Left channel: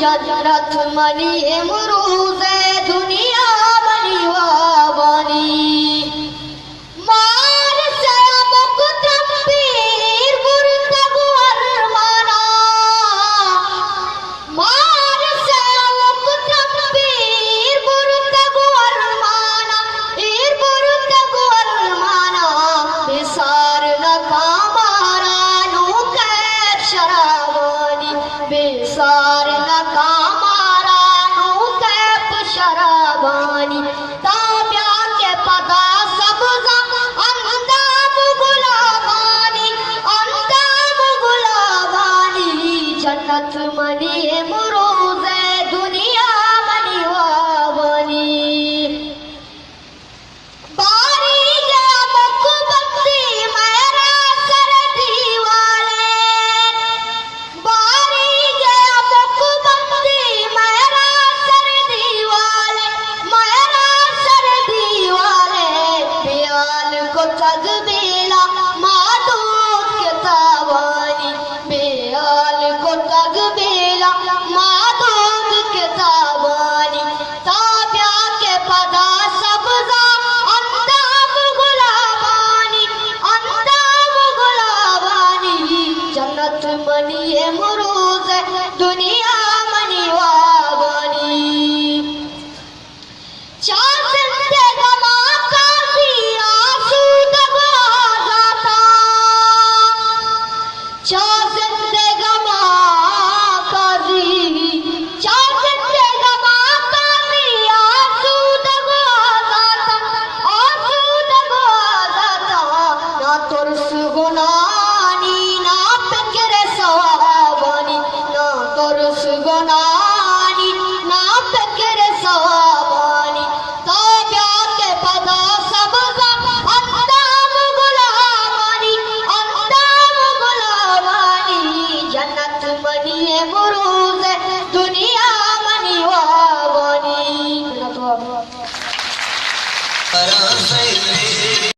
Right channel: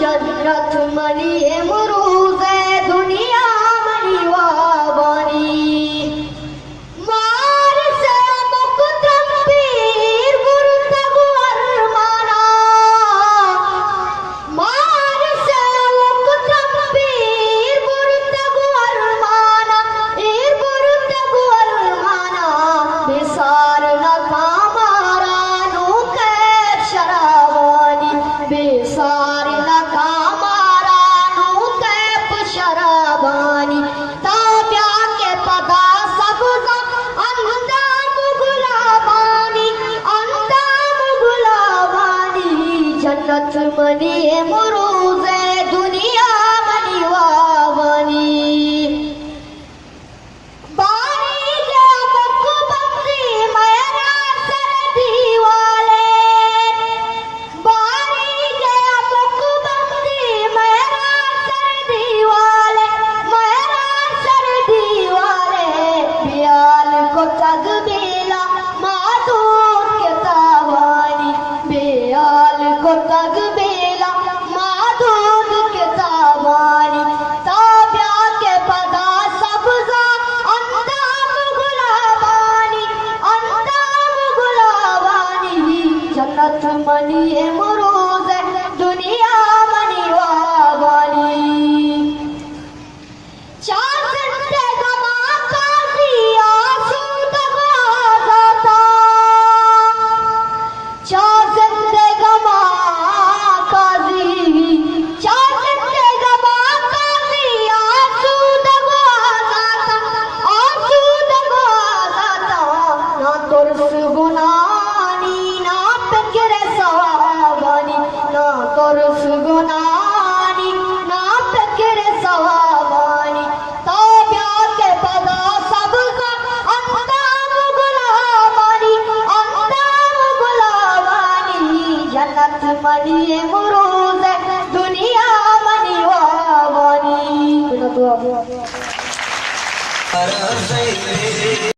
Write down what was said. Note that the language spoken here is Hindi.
जन्नत मनी इमरूज दुनिया मनी वाबनी मार से मुकदम पीर बुरतगु अरमाना मार से मुकदम पीर बुरतगु अरमाना ईर बुरतगु अरमाना बेसार न कामारा नु कैफ शराबानी बेसार न कामारा नु कैफ शराबानी ताब्या के पदा सबजा अंदाम गुलाबानी जन्नत मनी इमरूज दुनिया मनी वाबनी बारी के मुकबंदी मेरा सरदी वाले बारी के मुकबंदी मेरा सरदी वाले बियाल को तगबीला मादूर के तावानी बियाल को तगबीला मादूर के तावानी ताब्या के पदा सबजा अंदाम गुलाबानी जन्नत मनी इमरूज दुनिया मनी वाबनी चार जिंदे गमा काजी आसूद जाता चार जिंदे गमा काजी आसूद जाता ना तुरस गुनानी ना फिक्र सवाबानी ना तुरस गुनानी ना फिक्र सवाबानी ताब्या के पदा सबका अंदाम गुलाबानी जन्नत मनी इमरूज दुनिया